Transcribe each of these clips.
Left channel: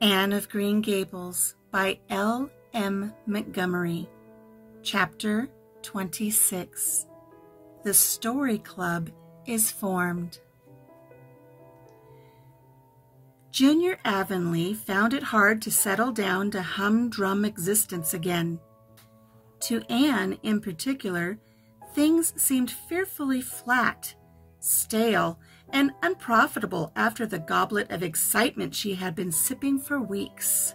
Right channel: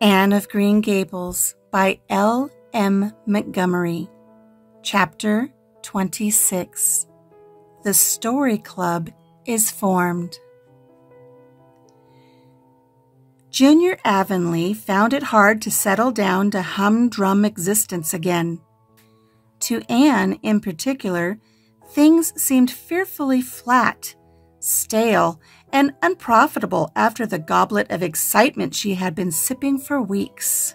Anne of Green Gables by L. M. Montgomery. Chapter 26. The Story Club is formed. Junior Avonlea found it hard to settle down to humdrum existence again. To Anne, in particular, things seemed fearfully flat, stale, and unprofitable after the goblet of excitement she had been sipping for weeks.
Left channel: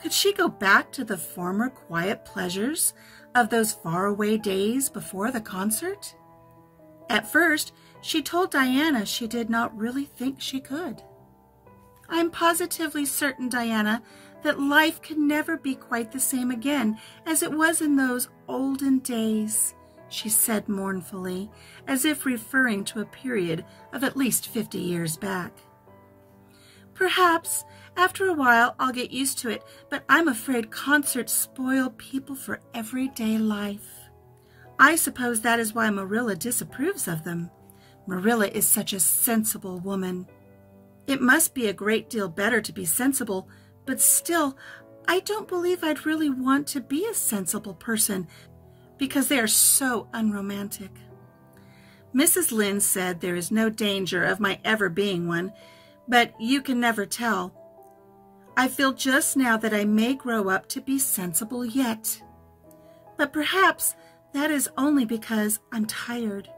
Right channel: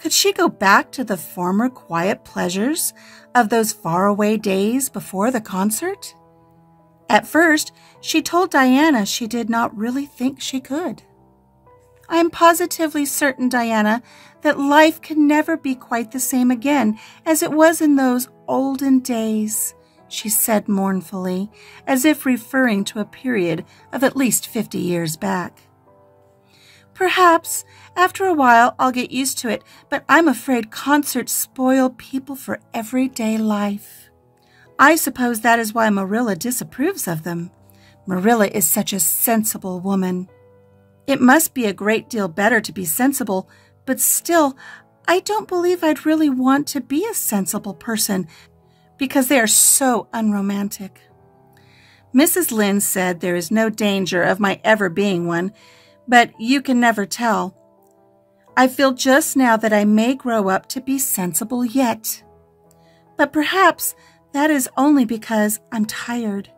Could she go back to the former quiet pleasures of those faraway days before the concert? At first, she told Diana she did not really think she could. "I am positively certain, Diana, that life can never be quite the same again as it was in those olden days," she said mournfully, as if referring to a period of at least 50 years back. "Perhaps, after a while, I'll get used to it, but I'm afraid concerts spoil people for everyday life. I suppose that is why Marilla disapproves of them. Marilla is such a sensible woman. It must be a great deal better to be sensible, but still, I don't believe I'd really want to be a sensible person, because they are so unromantic. Mrs. Lynde said there is no danger of my ever being one, but you can never tell. I feel just now that I may grow up to be sensible yet. But perhaps that is only because I'm tired.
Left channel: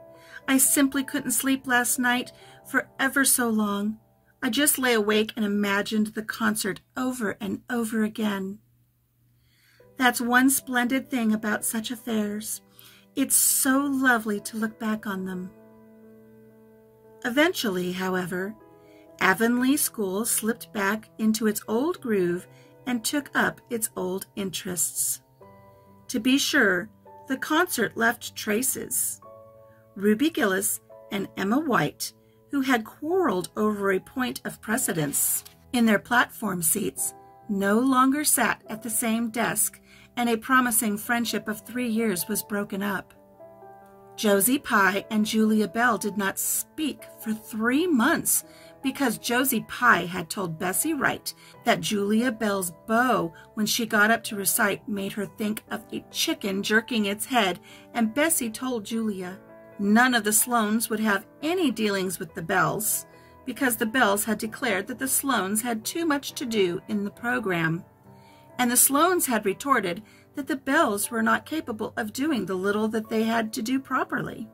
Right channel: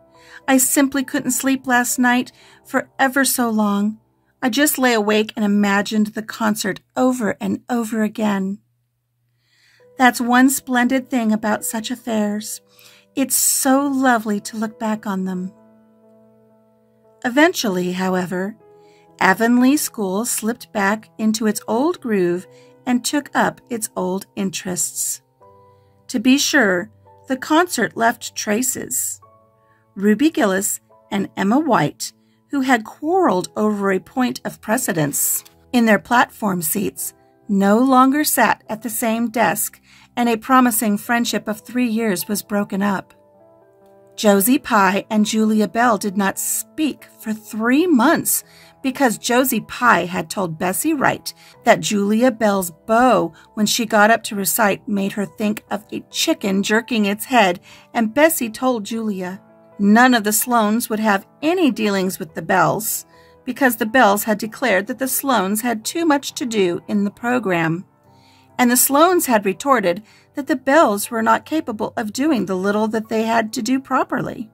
I simply couldn't sleep last night for ever so long. I just lay awake and imagined the concert over and over again. That's one splendid thing about such affairs. It's so lovely to look back on them." Eventually, however, Avonlea School slipped back into its old groove and took up its old interests. To be sure, the concert left traces. Ruby Gillis and Emma White, who had quarreled over a point of precedence in their platform seats, no longer sat at the same desk, and a promising friendship of 3 years was broken up. Josie Pye and Julia Bell did not speak for 3 months because Josie Pye had told Bessie Wright that Julia Bell's bow when she got up to recite made her think of a chicken jerking its head, and Bessie told Julia none of the Sloanes would have any dealings with the Bells because the Bells had declared that the Sloanes had too much to do in the program, and the Sloanes had retorted that the Bells were not capable of doing the little that they had to do properly.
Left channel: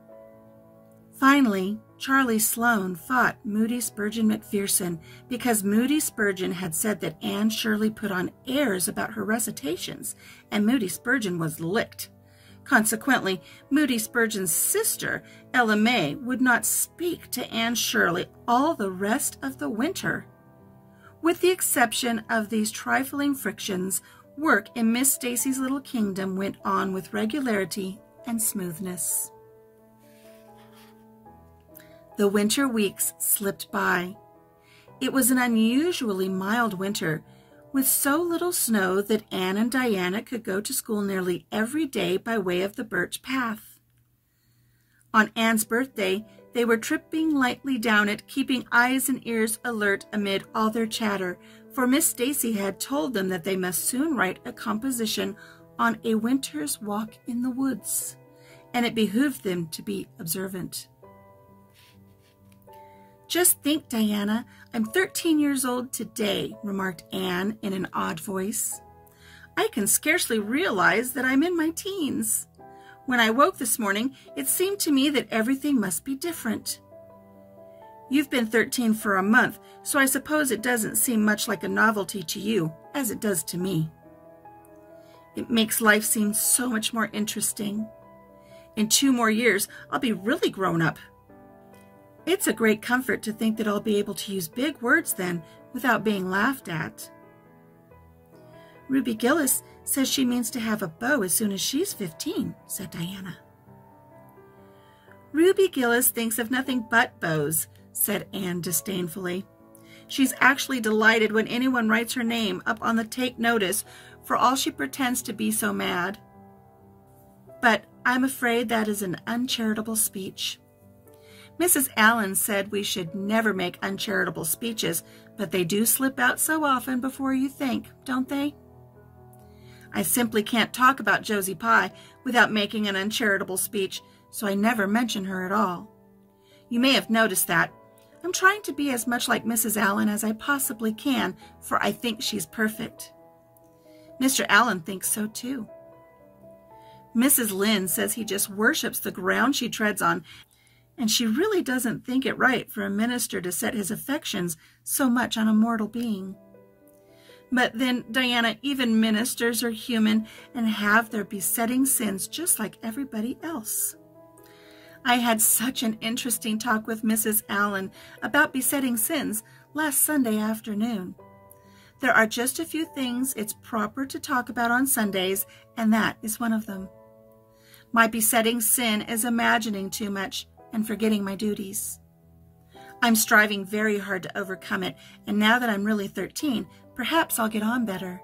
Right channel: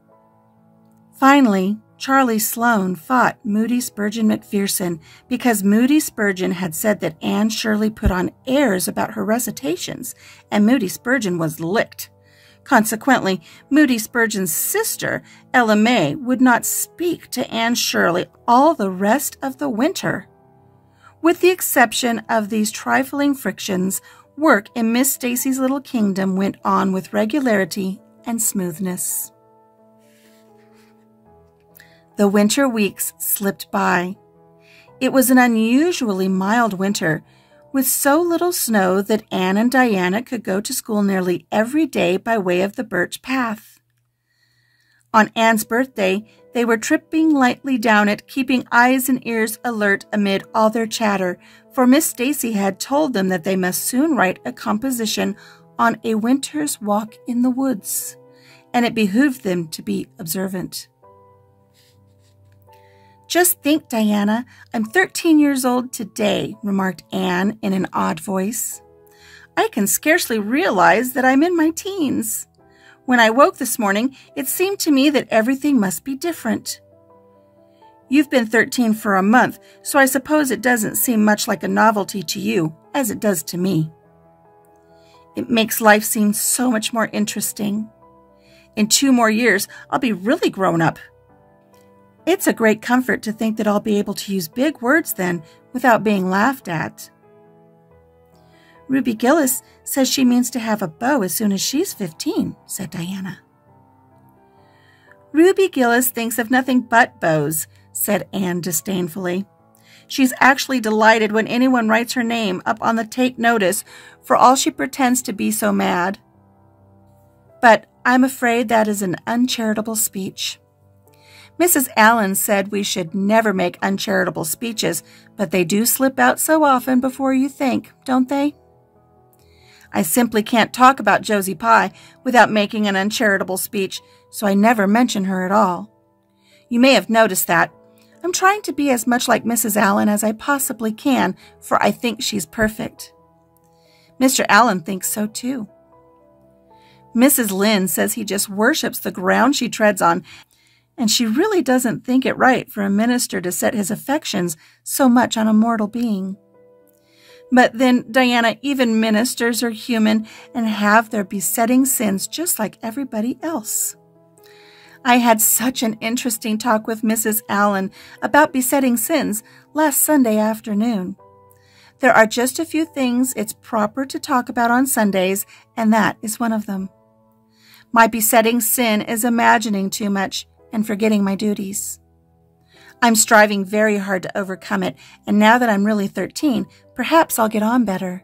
Finally, Charlie Sloane fought Moody Spurgeon McPherson because Moody Spurgeon had said that Anne Shirley put on airs about her recitations, and Moody Spurgeon was licked. Consequently, Moody Spurgeon's sister, Ella May, would not speak to Anne Shirley all the rest of the winter. With the exception of these trifling frictions, work in Miss Stacy's little kingdom went on with regularity and smoothness. The winter weeks slipped by. It was an unusually mild winter, with so little snow that Anne and Diana could go to school nearly every day by way of the birch path. On Anne's birthday, they were tripping lightly down it, keeping eyes and ears alert amid all their chatter, for Miss Stacy had told them that they must soon write a composition on a winter's walk in the woods, and it behooved them to be observant. "Just think, Diana, I'm 13 years old today," remarked Anne in an odd voice. "I can scarcely realize that I'm in my teens. When I woke this morning, it seemed to me that everything must be different. You've been 13 for a month, so I suppose it doesn't seem much like a novelty to you, as it does to me. It makes life seem so much more interesting. In 2 more years, I'll be really grown up. It's a great comfort to think that I'll be able to use big words then without being laughed at." "Ruby Gillis says she means to have a beau as soon as she's 15, said Diana. "Ruby Gillis thinks of nothing but beaux," said Anne disdainfully. "She's actually delighted when anyone writes her name up on the take notice, for all she pretends to be so mad. But I'm afraid that is an uncharitable speech. Mrs. Allen said we should never make uncharitable speeches, but they do slip out so often before you think, don't they? I simply can't talk about Josie Pye without making an uncharitable speech, so I never mention her at all. You may have noticed that. I'm trying to be as much like Mrs. Allen as I possibly can, for I think she's perfect. Mr. Allen thinks so too. Mrs. Lynde says he just worships the ground she treads on, and she really doesn't think it right for a minister to set his affections so much on a mortal being. But then, Diana, even ministers are human and have their besetting sins just like everybody else. I had such an interesting talk with Mrs. Allen about besetting sins last Sunday afternoon. There are just a few things it's proper to talk about on Sundays, and that is one of them. My besetting sin is imagining too much and forgetting my duties. I'm striving very hard to overcome it, and now that I'm really 13, perhaps I'll get on better.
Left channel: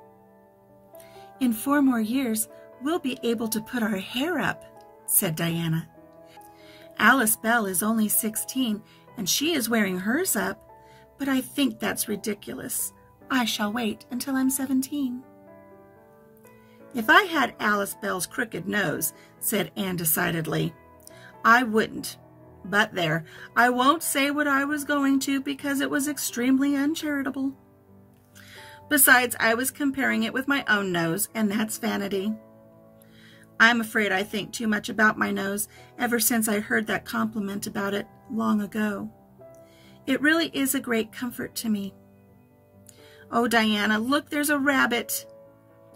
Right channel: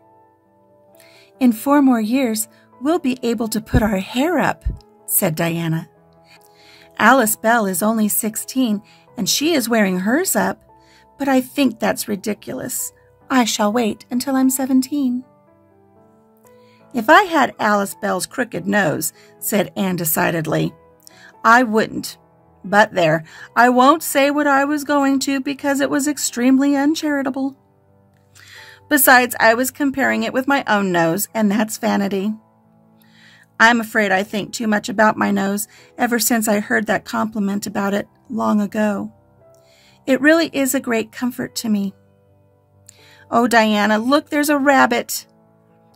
In 4 more years, we'll be able to put our hair up, said Diana. Alice Bell is only 16, and she is wearing hers up, but I think that's ridiculous. I shall wait until I'm 17. If I had Alice Bell's crooked nose, said Anne decidedly, I wouldn't. But there, I won't say what I was going to because it was extremely uncharitable. Besides, I was comparing it with my own nose, and that's vanity. I'm afraid I think too much about my nose ever since I heard that compliment about it long ago. It really is a great comfort to me. Oh, Diana, look, there's a rabbit.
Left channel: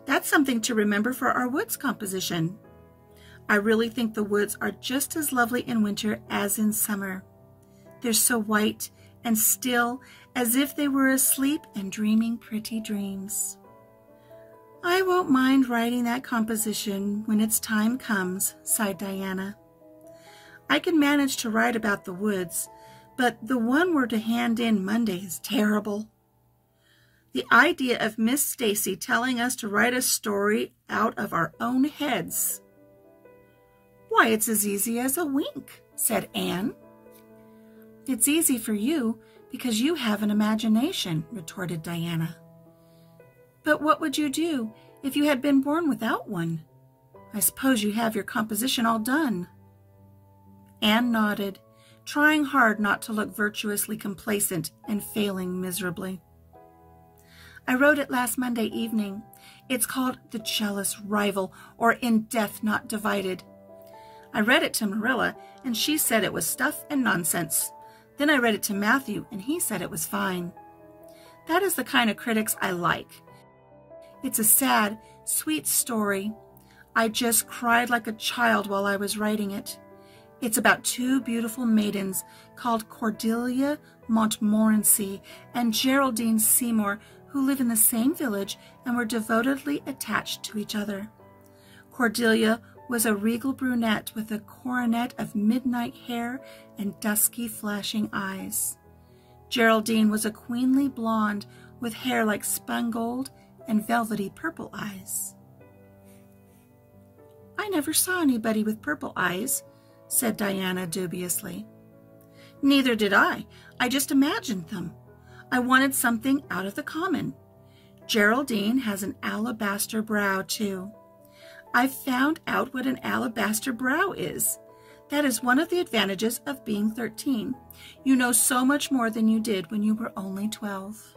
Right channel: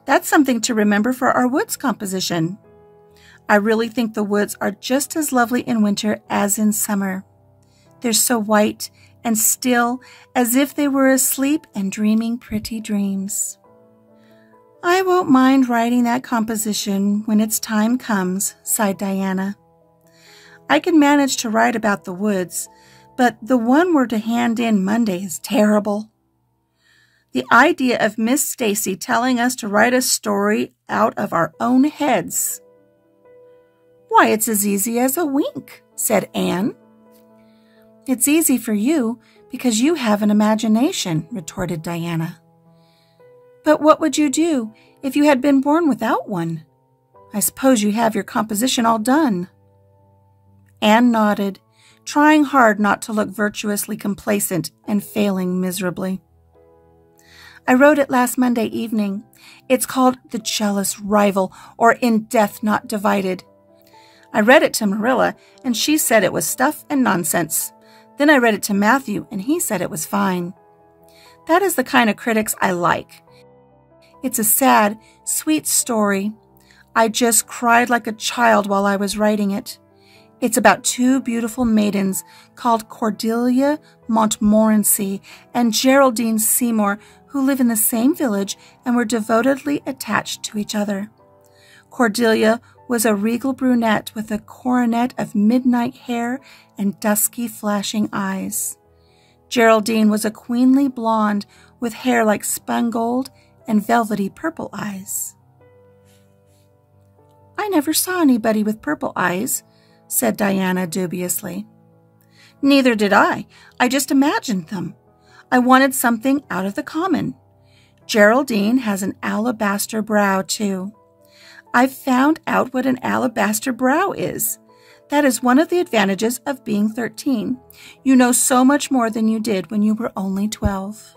That's something to remember for our woods composition. I really think the woods are just as lovely in winter as in summer. They're so white and still, as if they were asleep and dreaming pretty dreams. I won't mind writing that composition when its time comes, sighed Diana. I can manage to write about the woods, but the one we're to hand in Monday is terrible. The idea of Miss Stacy telling us to write a story out of our own heads. Why, it's as easy as a wink, said Anne. It's easy for you because you have an imagination, retorted Diana. But what would you do if you had been born without one? I suppose you have your composition all done. Anne nodded, trying hard not to look virtuously complacent and failing miserably. I wrote it last Monday evening. It's called The Jealous Rival, or In Death Not Divided. I read it to Marilla, and she said it was stuff and nonsense. Then I read it to Matthew, and he said it was fine. That is the kind of critics I like. It's a sad, sweet story. I just cried like a child while I was writing it. It's about 2 beautiful maidens called Cordelia Montmorency and Geraldine Seymour, who live in the same village and were devotedly attached to each other. Cordelia was a regal brunette with a coronet of midnight hair and dusky flashing eyes. Geraldine was a queenly blonde with hair like spun gold and velvety purple eyes. I never saw anybody with purple eyes, said Diana dubiously. Neither did I. I just imagined them. I wanted something out of the common. Geraldine has an alabaster brow, too. I've found out what an alabaster brow is. That is one of the advantages of being 13. You know so much more than you did when you were only 12.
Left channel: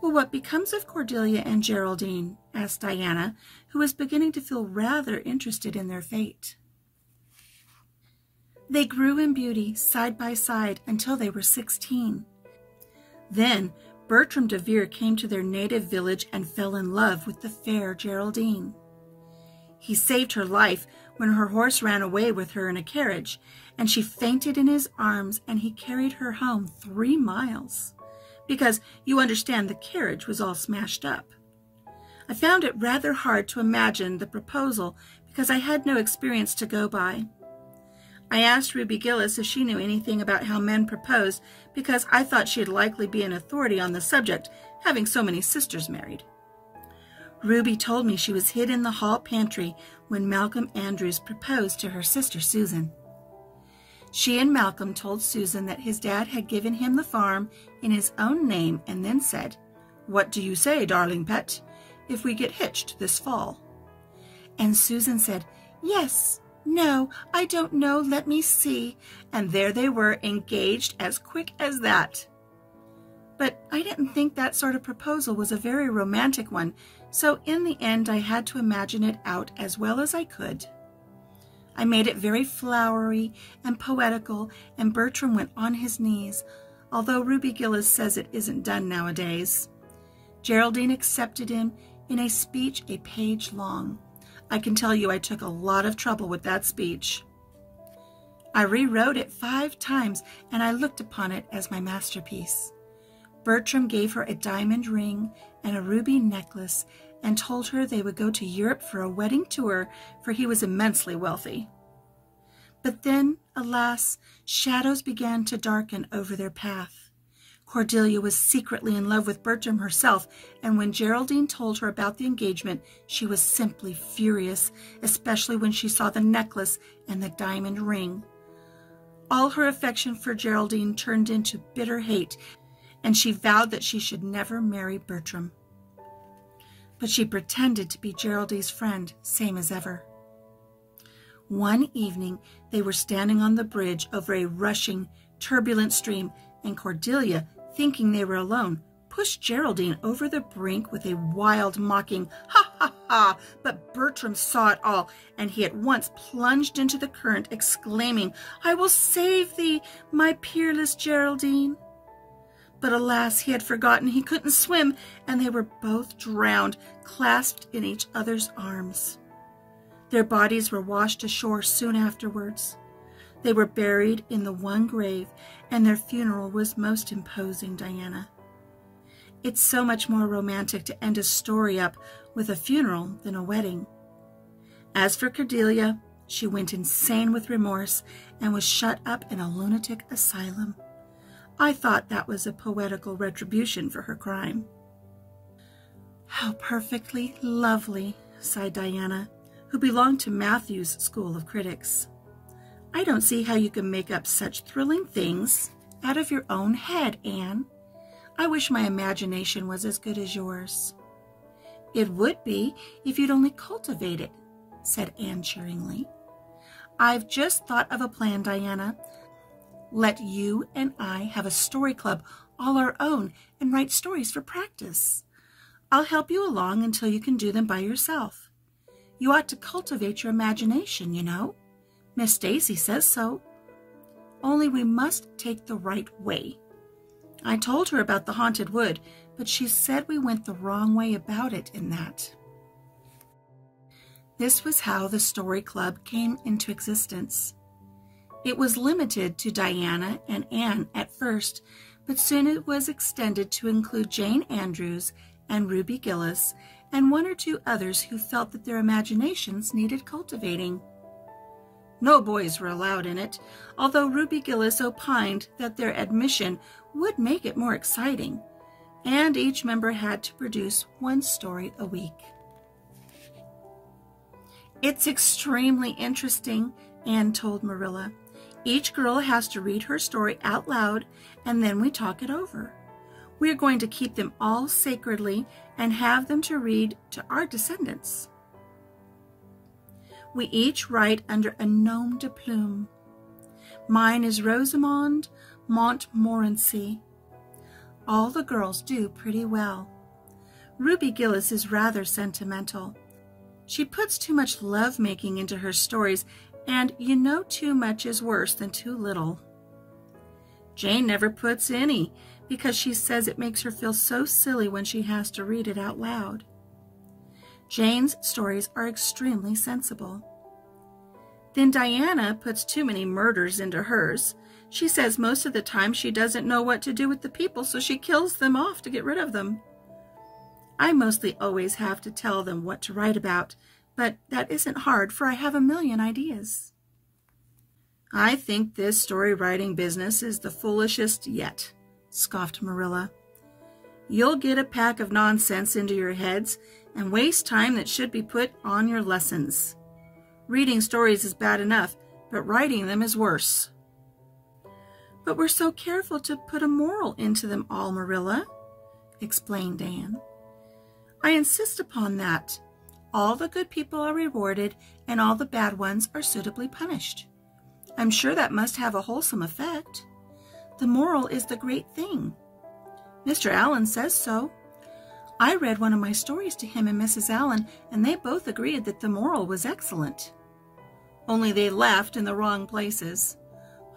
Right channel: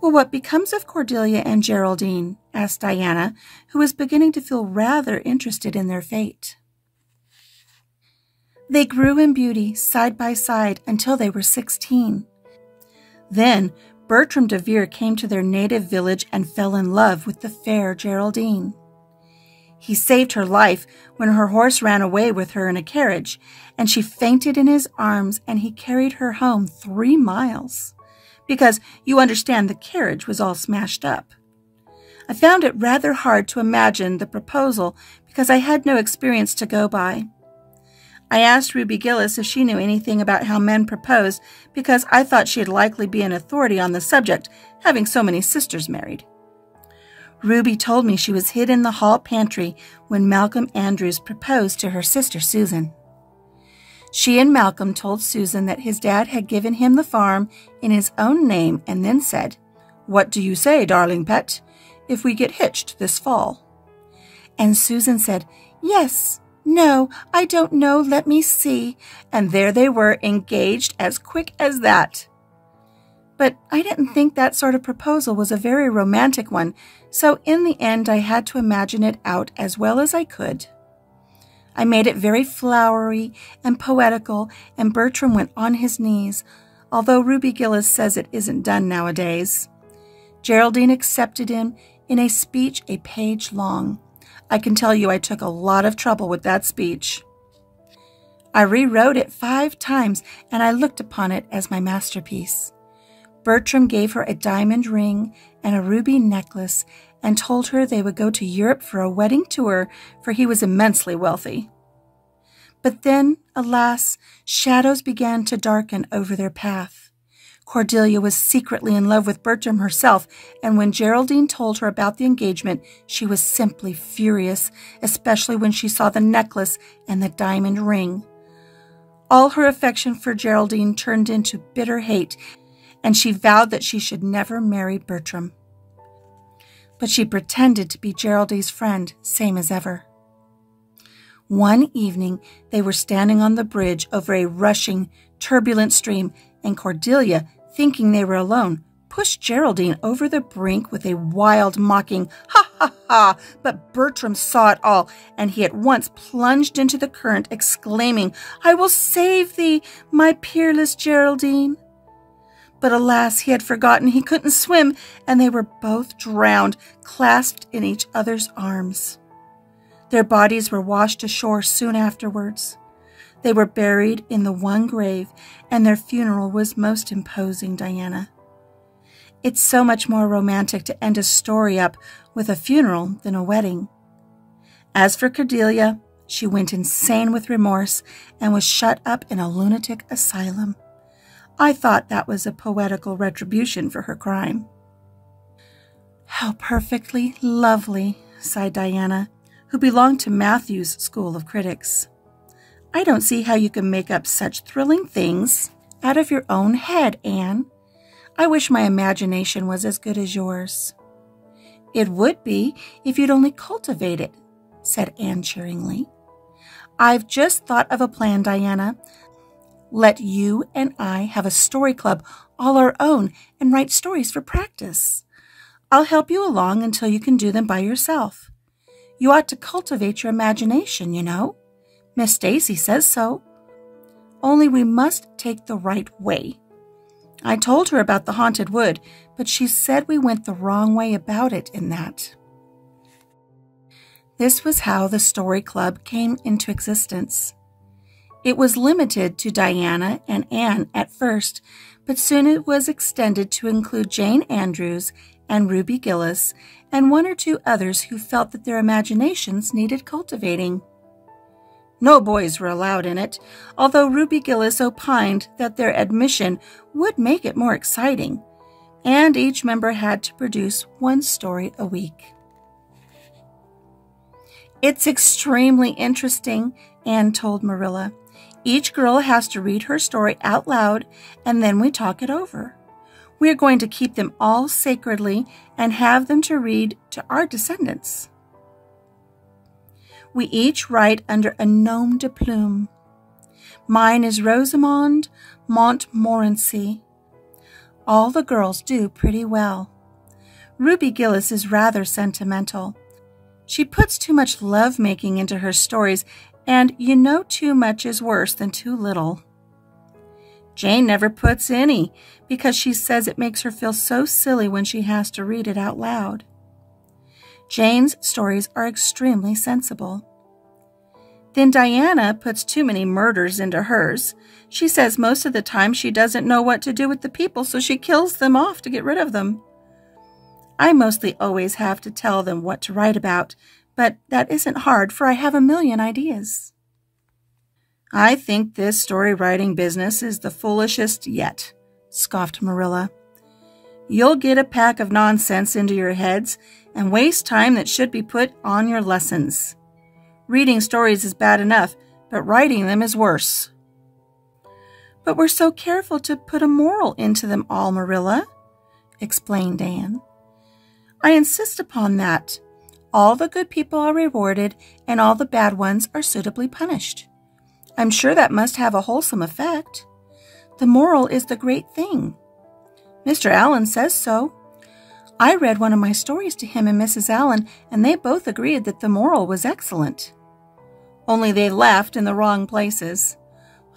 Well, what becomes of Cordelia and Geraldine? Asked Diana, who was beginning to feel rather interested in their fate. They grew in beauty side by side until they were 16. Then Bertram de Vere came to their native village and fell in love with the fair Geraldine. He saved her life when her horse ran away with her in a carriage, and she fainted in his arms, and he carried her home 3 miles, because you understand the carriage was all smashed up. I found it rather hard to imagine the proposal because I had no experience to go by. I asked Ruby Gillis if she knew anything about how men propose because I thought she'd likely be an authority on the subject, having so many sisters married. Ruby told me she was hid in the hall pantry when Malcolm Andrews proposed to her sister Susan. She and Malcolm told Susan that his dad had given him the farm in his own name and then said, "What do you say, darling pet, if we get hitched this fall?" And Susan said, "Yes, no, I don't know, let me see." And there they were, engaged as quick as that. But I didn't think that sort of proposal was a very romantic one, so in the end I had to imagine it out as well as I could. I made it very flowery and poetical, and Bertram went on his knees, although Ruby Gillis says it isn't done nowadays. Geraldine accepted him in a speech a page long. I can tell you I took a lot of trouble with that speech. I rewrote it 5 times, and I looked upon it as my masterpiece. Bertram gave her a diamond ring and a ruby necklace and told her they would go to Europe for a wedding tour, for he was immensely wealthy. But then, alas, shadows began to darken over their path. Cordelia was secretly in love with Bertram herself, and when Geraldine told her about the engagement, she was simply furious, especially when she saw the necklace and the diamond ring. All her affection for Geraldine turned into bitter hate, and she vowed that she should never marry Bertram. But she pretended to be Geraldine's friend, same as ever. One evening, they were standing on the bridge over a rushing, turbulent stream, and Cordelia, thinking they were alone, pushed Geraldine over the brink with a wild, mocking, "Ha, ha, ha!" But Bertram saw it all, and he at once plunged into the current, exclaiming, "I will save thee, my peerless Geraldine." But alas, he had forgotten he couldn't swim, and they were both drowned, clasped in each other's arms. Their bodies were washed ashore soon afterwards. They were buried in the one grave, and their funeral was most imposing, Diana. It's so much more romantic to end a story up with a funeral than a wedding. As for Cordelia, she went insane with remorse and was shut up in a lunatic asylum. I thought that was a poetical retribution for her crime. "How perfectly lovely," sighed Diana, who belonged to Matthew's school of critics. "I don't see how you can make up such thrilling things out of your own head, Anne. I wish my imagination was as good as yours." "It would be if you'd only cultivate it," said Anne cheeringly. "I've just thought of a plan, Diana. Let you and I have a story club all our own and write stories for practice. I'll help you along until you can do them by yourself. You ought to cultivate your imagination, you know. Miss Stacy says so. Only we must take the right way. I told her about the haunted wood, but she said we went the wrong way about it in that." This was how the story club came into existence. It was limited to Diana and Anne at first, but soon it was extended to include Jane Andrews and Ruby Gillis and 1 or 2 others who felt that their imaginations needed cultivating. No boys were allowed in it, although Ruby Gillis opined that their admission would make it more exciting, and each member had to produce 1 story a week. "It's extremely interesting," Anne told Marilla. "Each girl has to read her story out loud, and then we talk it over. We are going to keep them all sacredly and have them to read to our descendants. We each write under a nom de plume. Mine is Rosamond Montmorency. All the girls do pretty well. Ruby Gillis is rather sentimental. She puts too much love-making into her stories, and you know too much is worse than too little. Jane never puts any, because she says it makes her feel so silly when she has to read it out loud. Jane's stories are extremely sensible. Then Diana puts too many murders into hers. She says most of the time she doesn't know what to do with the people, so she kills them off to get rid of them. I mostly always have to tell them what to write about, but that isn't hard, for I have a million ideas. I think this story writing business is the foolishest yet, scoffed Marilla. You'll get a pack of nonsense into your heads and waste time that should be put on your lessons. Reading stories is bad enough, but writing them is worse. But we're so careful to put a moral into them all, Marilla, explained Anne. I insist upon that. All the good people are rewarded, and all the bad ones are suitably punished. I'm sure that must have a wholesome effect. The moral is the great thing. Mr. Allen says so. I read one of my stories to him and Mrs. Allen, and they both agreed that the moral was excellent. Only they laughed in the wrong places.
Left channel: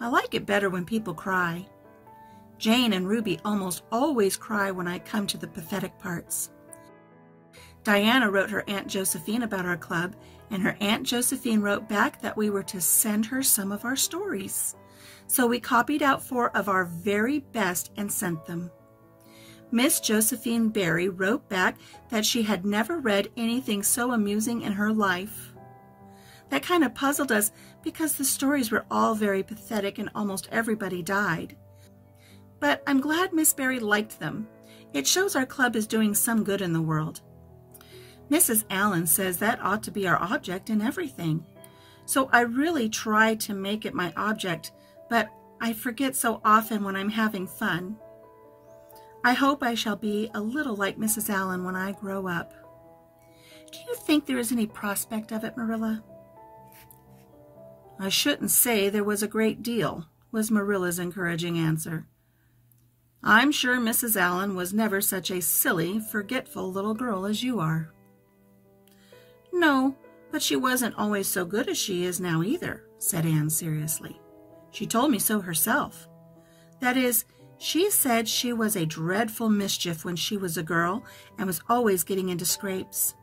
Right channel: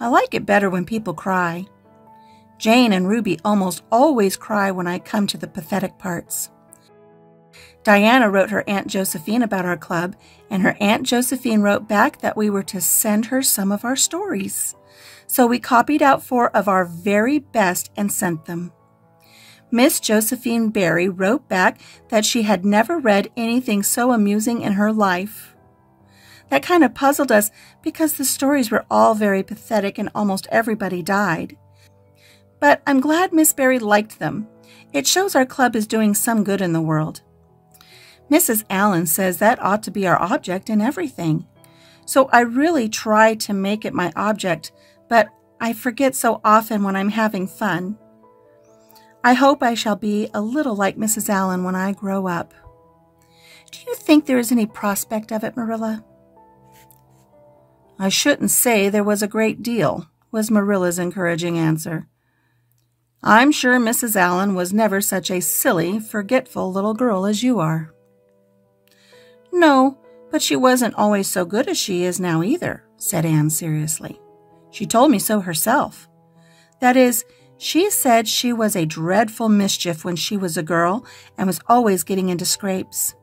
I like it better when people cry. Jane and Ruby almost always cry when I come to the pathetic parts. Diana wrote her Aunt Josephine about our club, and her Aunt Josephine wrote back that we were to send her some of our stories. So we copied out 4 of our very best and sent them. Miss Josephine Barry wrote back that she had never read anything so amusing in her life. That kind of puzzled us because the stories were all very pathetic and almost everybody died. But I'm glad Miss Barry liked them. It shows our club is doing some good in the world. Mrs. Allen says that ought to be our object in everything. So I really try to make it my object, but I forget so often when I'm having fun. I hope I shall be a little like Mrs. Allen when I grow up. Do you think there is any prospect of it, Marilla? I shouldn't say there was a great deal, was Marilla's encouraging answer. I'm sure Mrs. Allen was never such a silly, forgetful little girl as you are. No, but she wasn't always so good as she is now either, said Anne seriously. She told me so herself. That is, she said she was a dreadful mischief when she was a girl and was always getting into scrapes.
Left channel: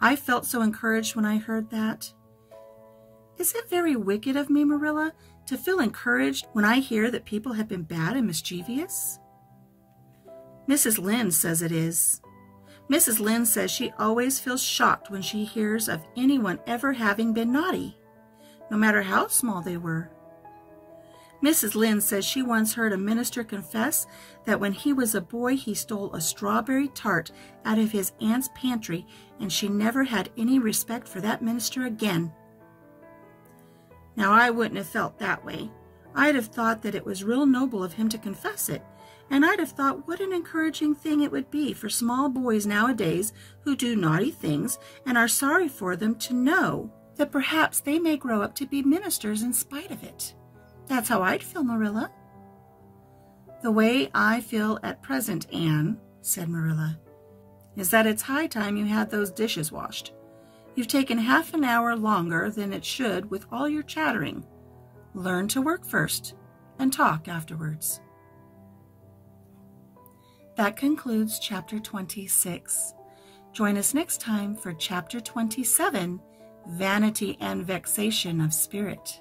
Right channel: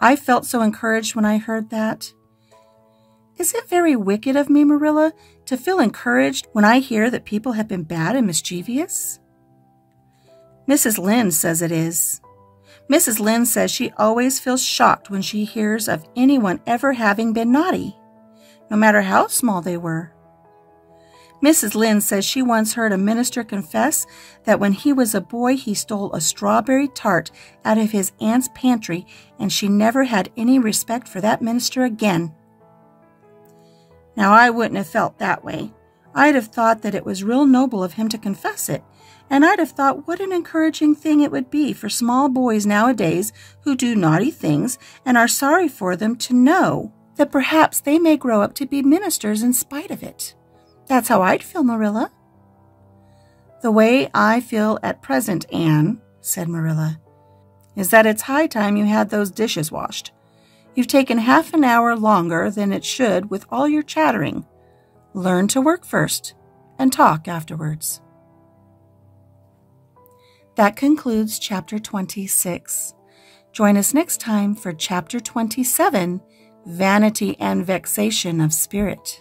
I felt so encouraged when I heard that. Is it very wicked of me, Marilla, to feel encouraged when I hear that people have been bad and mischievous? Mrs. Lynde says it is. Mrs. Lynde says she always feels shocked when she hears of anyone ever having been naughty, no matter how small they were. Mrs. Lynde says she once heard a minister confess that when he was a boy he stole a strawberry tart out of his aunt's pantry, and she never had any respect for that minister again. Now, I wouldn't have felt that way. I'd have thought that it was real noble of him to confess it, and I'd have thought what an encouraging thing it would be for small boys nowadays who do naughty things and are sorry for them to know that perhaps they may grow up to be ministers in spite of it. That's how I'd feel, Marilla. The way I feel at present, Anne, said Marilla, is that it's high time you had those dishes washed. You've taken half an hour longer than it should with all your chattering. Learn to work first and talk afterwards. That concludes Chapter 26. Join us next time for Chapter 27, Vanity and Vexation of Spirit.